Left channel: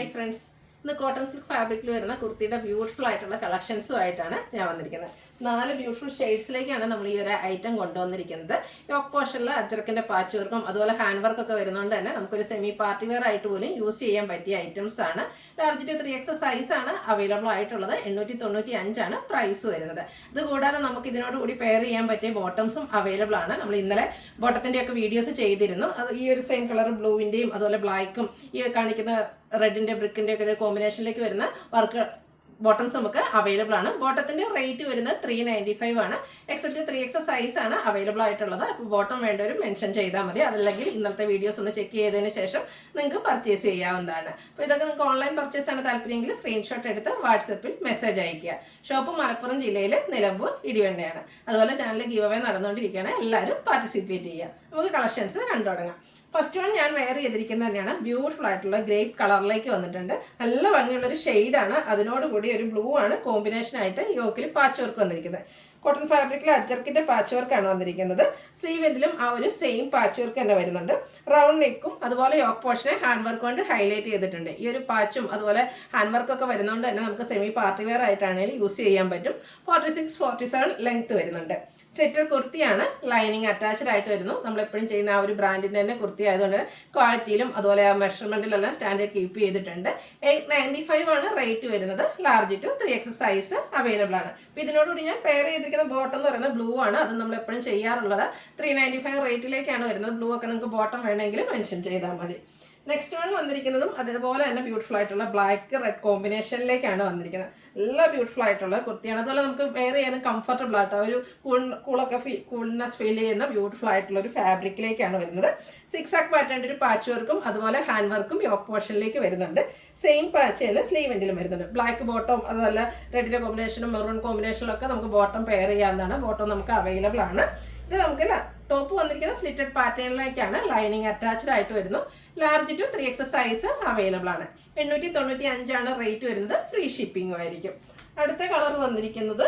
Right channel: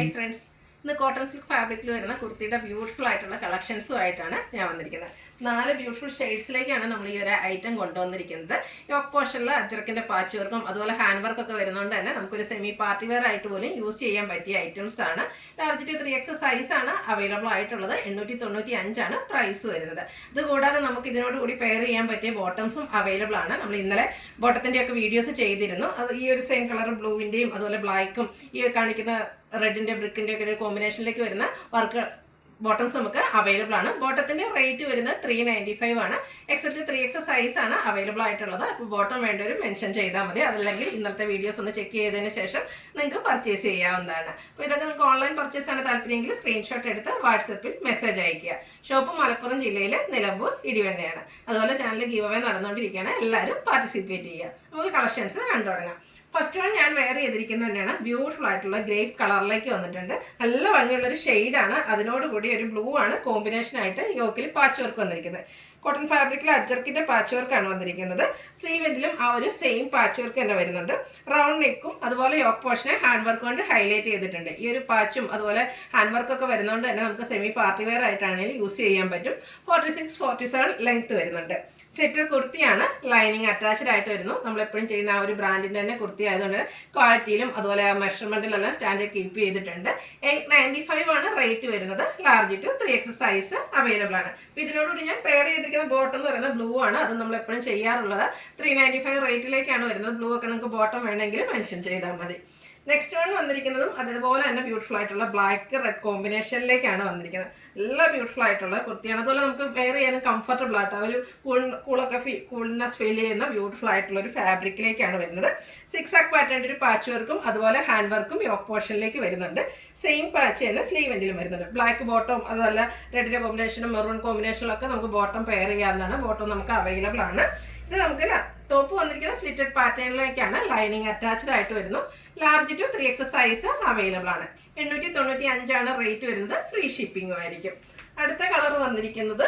Hi friends. ഇന്ന് cotton silk ഫാബ്രിക്കിൽ വരുന്ന കുർത്തിയുടെ ബ്യൂട്ടിഫുൾ ആയിട്ടുള്ള കളക്ഷൻസുമായിട്ടാണ് ഞാൻ വന്നിരിക്കുന്നത്. 4 ബ്യൂട്ടിഫുൾ ഷെയ്ഡ്സിലേക്കാണ് നമ്മൾ ഈ ഒരു ഐറ്റം കൊണ്ടുവന്നിരിക്കുന്നത്. യോക്ക് പോർഷനിൽ അജ്രക്കിൻ്റെ പാച്ച് വർക്കും അതുപോലെ ഹാൻഡ് വർക്കൊക്കെ വരുന്നതുകൊണ്ട് തന്നെ നമുക്കൊരു സെമി പാർട്ടി വെയർ ആയിട്ട് പോലും യൂസ് ചെയ്യാൻ പറ്റിയ ഐറ്റംസ് ആണ്. ലാർജ് ടു 3X സൈസാണ് അവൈലബിൾ ആയിട്ടുള്ളത്. 895 ആണ് പ്രൈസ് വരുന്നത്. ഇത് കൂടാതെ നമുക്ക് ഇതിനോടുകൂടി പെയർ ചെയ്യാൻ പറ്റിയ ബോട്ടംസും അവൈലബിൾ ആണ്. നമ്മൾ ഇന്നലെ ബോട്ടത്തിൻ്റെയൊക്കെ വീഡിയോസ് ചെയ്തിരുന്നു. അത് ഈ ഒരു സെയിം കളർ ബ്ലൂവിൻ്റെയും അതുപോലെ ബ്ലാക്കും ഈ കാണിക്കുന്ന റെഡിൻ്റെ ബ്രിക്കിൻ്റെ ഒക്കെ ഒരു കോമ്പിനേഷനിലേക്ക് വരുന്ന വർക്ക് ബോട്ടംസ് നമുക്ക് അവൈലബിൾ ആണ്. ബോട്ടത്തിൻ്റെ റേറ്റ് വരുന്നത് 395 ആണ്. എക്സെപ്റ്റ് 3X സൈസാണ് അവൈലബിൾ ആയിട്ടുള്ളത്. അപ്പോൾ ബോട്ടം വേണ്ടവർ മെൻഷൻ ചെയ്താൽ മതി. അതല്ലെങ്കിൽ ഇന്നത്തെ വീഡിയോസ് ഒന്ന് ചെക്ക് ചെയ്തതിന് ശേഷം നിങ്ങൾക്ക് പർച്ചേസ് ചെയ്യാവുന്നതാണ്. അപ്പോൾ ഇതൊക്കെ നിങ്ങൾക്ക് ഓൺലൈൻ പർച്ചേസ് ആണ് താല്പര്യമെങ്കിൽ സ്ക്രീൻഷോട്ട് എടുത്ത് വാട്സപ്പിൽ മെസ്സേജ് അയയ്ക്കുക. ഷോപ്പ് മലപ്പുറം ജില്ലയിൽ നിലമ്പൂർ ഇടിവണ്ണയാണ്. അതുപോലെ ചാനൽ ഗീവ് അവേ നടന്നുകൊണ്ടിരിക്കുകയാണ്. എല്ലാവരും പാർട്ടിസിപ്പേറ്റ് ചെയ്യുക. നമുക്ക് കളക്ഷൻസ് കണ്ടു തുടങ്ങാം. ഫസ്റ്റ് വൺ ഞാൻ വെയർ ചെയ്തിരിക്കുന്നത് തന്നെയാണ്. ബ്യൂട്ടിഫുൾ ആയിട്ടുള്ള ഗ്രേപ്പ് കളറിലേക്ക് വന്നിട്ടുണ്ട്. നല്ല ഭംഗിയുള്ളൊരു ഷെയ്ഡാണ്. അതിനോടുകൂടി ഒരു ബ്ലൂ ആണ് കോമ്പിനേഷനായിട്ട് യോക്കിൽ പാച്ച് വർക്ക് വന്നിരിക്കുന്നത്. കോട്ടൺ ഫാബ്രിക്കിൽ അജ്രക്കിൻ്റെ പാച്ച് വർക്കാണ് വന്നിരിക്കുന്നത്. സ്ലീവെൻറ്റിലും ആ ഒരു സെയിം പാച്ച് വർക്ക് തന്നെ വരുന്നുണ്ട്. റൗണ്ട് നെക്കും അതുപോലെ യോക്ക് പോർഷനെ ഹാൻഡ് വർക്ക് കൊണ്ട് ഹൈലൈറ്റ് ചെയ്തിട്ടുണ്ട്. ഈ ഒരു പാച്ചും അതുപോലെ ഹാൻഡ് വർക്കൊക്കെ വരുന്നതുകൊണ്ട് തന്നെ നമുക്ക് സെമി പാർട്ടി വെയർ ആയിട്ടാണെങ്കിലും യൂസ് ചെയ്യാൻ പറ്റും. 46-47 ലെങ്ത് വരുന്നുണ്ട്. സ്ലിറ്റർ കുർത്തിയാണ്. ലൈനിങ് അറ്റാച്ച്ഡ് ആയിട്ട് വരുന്നു. നമ്മളെപ്പോഴും ചെയ്യുന്ന ആ ഒരു ബ്രാൻഡിൻ്റെ തന്നെ കുർത്തി ആയതുകൊണ്ട് ക്വാളിറ്റിയിലും അതുപോലെ മെഷർമെൻറ്റിലെല്ലാം സ്റ്റാൻഡേർഡ് കീപ്പ് ചെയ്തിട്ടുണ്ട്. 895 ആണ് റേറ്റ് വരുന്നത്. Large to 3X size available ആണ്. അപ്പോൾ ഇതിനോടുകൂടി ഞാൻ പെയർ ചെയ്തിരിക്കുന്ന ബോട്ടം എന്ന് പറയുന്നത് ബ്ലൂ ആണ്. അത് നമ്മളെപ്പോഴും ചെയ്യാറുള്ളത്. 395 റേറ്റിലേക്കാണ് വരുന്നത്. ബ്ലൂ ഒക്കെ നിങ്ങൾക്ക് ബോട്ടം വേണമെങ്കിൽ മെൻഷൻ ചെയ്താൽ മതി. നെക്സ്റ്റ് വൺ വന്നിരിക്കുന്നതും അതേപോലെ തന്നെ ബ്യൂട്ടിഫുൾ ആയിട്ടുള്ള ബ്ലാക്ക് റെഡ് കോമ്പിനേഷനിലേക്കാണ് വന്നിരിക്കുന്നത്. നല്ല ബ്യൂട്ടിഫുൾ ആയിട്ടുള്ള കുർത്തിയാണ്. അതുപോലെ നമുക്ക് വെയർ ചെയ്യാനും കംഫർട്ടബിൾ ആയിട്ട് ഒരു കൂൾനെസ് ഫീൽ ചെയ്യുന്ന ബ്യൂട്ടിഫുൾ ആയിട്ടുള്ള ഒരു ഫാബ്രിക്കിലേക്കാണ് വരുന്നത്. 6 ആക്ക് പാറ്റേണിൻ്റെ ഒരു പാച്ച് വർക്കും അതുപോലെ ഹാൻഡ് വർക്കും യോക്ക് പോർഷനിലേക്ക് വരുന്നുണ്ട്. സെയിം പാച്ച് തന്നെ സ്ലീവെൻറ്റിലും വരുന്നുണ്ട്. ബ്ലാക്ക് ബോട്ടം അതുപോലെ റെഡിൻ്റെ കോമ്പിനേഷനും മെറൂൺ കോമ്പിനേഷനിലൊക്കെ നമുക്ക് ബോട്ടം പെയർ ചെയ്യാവുന്നതാണ്. ബോട്ടം നമുക്ക് അവൈലബിൾ ആണ്. ഇത് നമുക്ക് ടോപ്പ് വന്നിരിക്കുന്ന സ്ലിറ്റഡ് പാറ്റേണിലേക്കാണ്. ലൈനിങ് അറ്റാച്ച്ഡ് ആയിട്ട് വരുന്നു. Large to 3X size available ആണ്. 895 ആണ് റേറ്റ് വരുന്നത്. ഫ്രീ ഷിപ്പിംഗും ആയിരിക്കും. അടുത്ത കളർ വന്നിരിക്കുന്നത്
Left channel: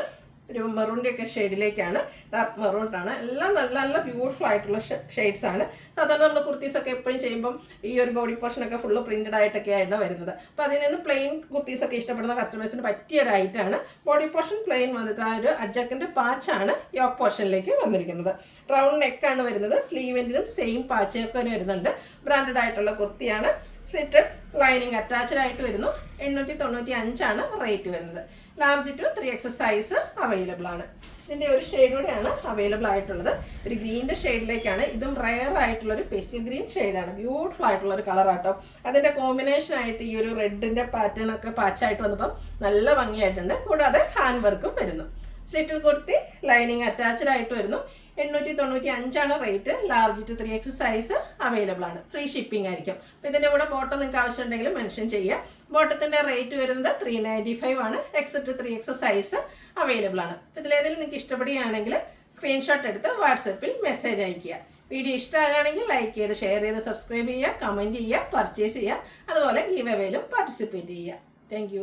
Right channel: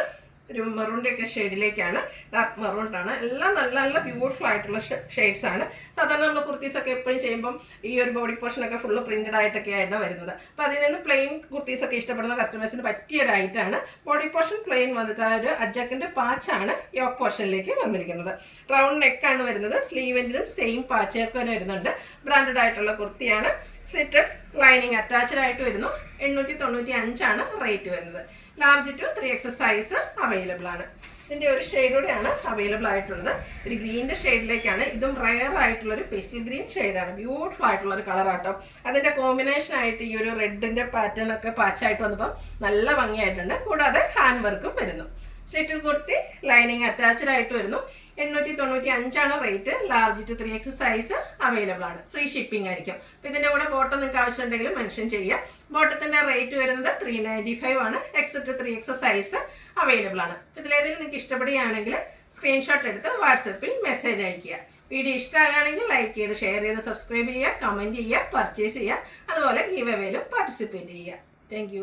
ഒരു മെറൂണിൻ്റെ ഒക്കെ ഷെയ്ഡിലേക്കാണ്. ഡാർക്ക് മെറൂണിട്ടാണ്. എല്ലാം നല്ല നല്ല ബ്യൂട്ടിഫുൾ ആയിട്ടുള്ള ഷെയ്ഡ്സ് ആണ്. സാധാരണ നമ്മൾ കുർത്തീസൊക്കെ എപ്പോഴും ചെയ്യുമ്പം ഈ ഒരു ബോഡി പോർഷനൊക്കെ ഫുള്ള് പ്രിൻറ്റഡ് ആയിട്ടൊക്കെ ആയിരുന്നു വരുന്നത്. അപ്പോൾ അതിൽ നിന്ന് പ്ലെയിൻ കുർത്തീസൊക്കെ ഇഷ്ടപ്പെടുന്ന കസ്റ്റമേഴ്സിന് പറ്റിയ ഒരു ഐറ്റാണ്. ബോഡി പോർഷൻ പ്ലെയിൻ വന്നിട്ട് ആ ഒരു അജക്കിൻ്റെ പാച്ചാണ് യോക്ക് പോർഷനിലേക്ക് വന്നിരിക്കുന്നത്. റൗണ്ട് നെക്കാണ് വരുന്നത്. സ്ലീവെൻറ്റിലും സെയിം പാച്ച് വർക്ക് വരുന്നുണ്ട്. ബ്രാൻഡഡ് ആയിട്ടുള്ള കുർത്തിയാണ്. സ്ലിറ്റഡ് ലൈനിങ് അറ്റാച്ച്ഡ് ആയിട്ട് വരുന്നു. 895 ആണ് റേറ്റ് വരുന്നത്. Large to 3X size available ആണ്. ഇതിൻ്റെ ഒരു ഷെയ്ഡൂടെയാണ് അവൈലബിൾ ആയിട്ടുള്ളത്. ഒരു ഗ്രീൻ്റെ ഷെയ്ഡിലേക്കാണ്. ഇതും റയർ ആയിട്ടുള്ളൊരു പേസ്റ്റൽ ഗ്രീൻ ഷെയ്ഡാണ്. ബ്യൂട്ടിഫുൾ ആയിട്ടുള്ളൊരു കളറാട്ടോ. അതിൻ്റെ കോമ്പിനേഷനായിട്ട് ഈ ഒരു റെഡിൻ്റെ പാറ്റേൺ ഒക്കെ പാച്ചായിട്ട് വന്നപ്പം നല്ല ഭംഗിയായിട്ടുണ്ട്. കൂടാതെ ഹാൻഡ് വർക്കും വരുന്നു. സ്ലിറ്റർ കുർത്തി ലൈനിങ് അറ്റാച്ച്ഡ് ആയിട്ട് വരുന്നു. 895 ആണ് rate. Large to 3X size available ആണ്. ഫ്രീ ഷിപ്പിംഗ് ആയിരിക്കും. അപ്പോൾ ഇതിൻ്റെ കൂടെ ബോട്ടം നിങ്ങൾക്ക് ആവശ്യമുണ്ടെങ്കിൽ മെൻഷൻ ചെയ്യാം. ബോട്ടത്തിൻ്റെ റേറ്റ് വരുന്നത് 395 ആണ്. എക്സെപ്റ്റ് 3X സൈസ് അവൈലബിൾ ആണ്. ഇതിലേതെങ്കിലും നിങ്ങൾക്ക് ഇഷ്ടപ്പെടുകയാണെങ്കിൽ സ്ക്രീൻഷോട്ട് എടുത്ത് വാട്സപ്പിൽ മെസ്സേജ് അയയ്ക്കുക. വീഡിയോ ഇഷ്ടമാകുകയാണെങ്കിൽ ലൈക്ക് ചെയ്ത് ഷെയർ ചെയ്ത് സബ്സ്ക്രൈബ് ചെയ്യുക, കമൻറ്റ് ചെയ്യുക, പർച്ചേസ് ചെയ്യുക. അതുപോലെ ഗീവ് അവേയിലും പാർട്ടിസിപ്പേറ്റ് ചെയ്യുക. താങ്ക്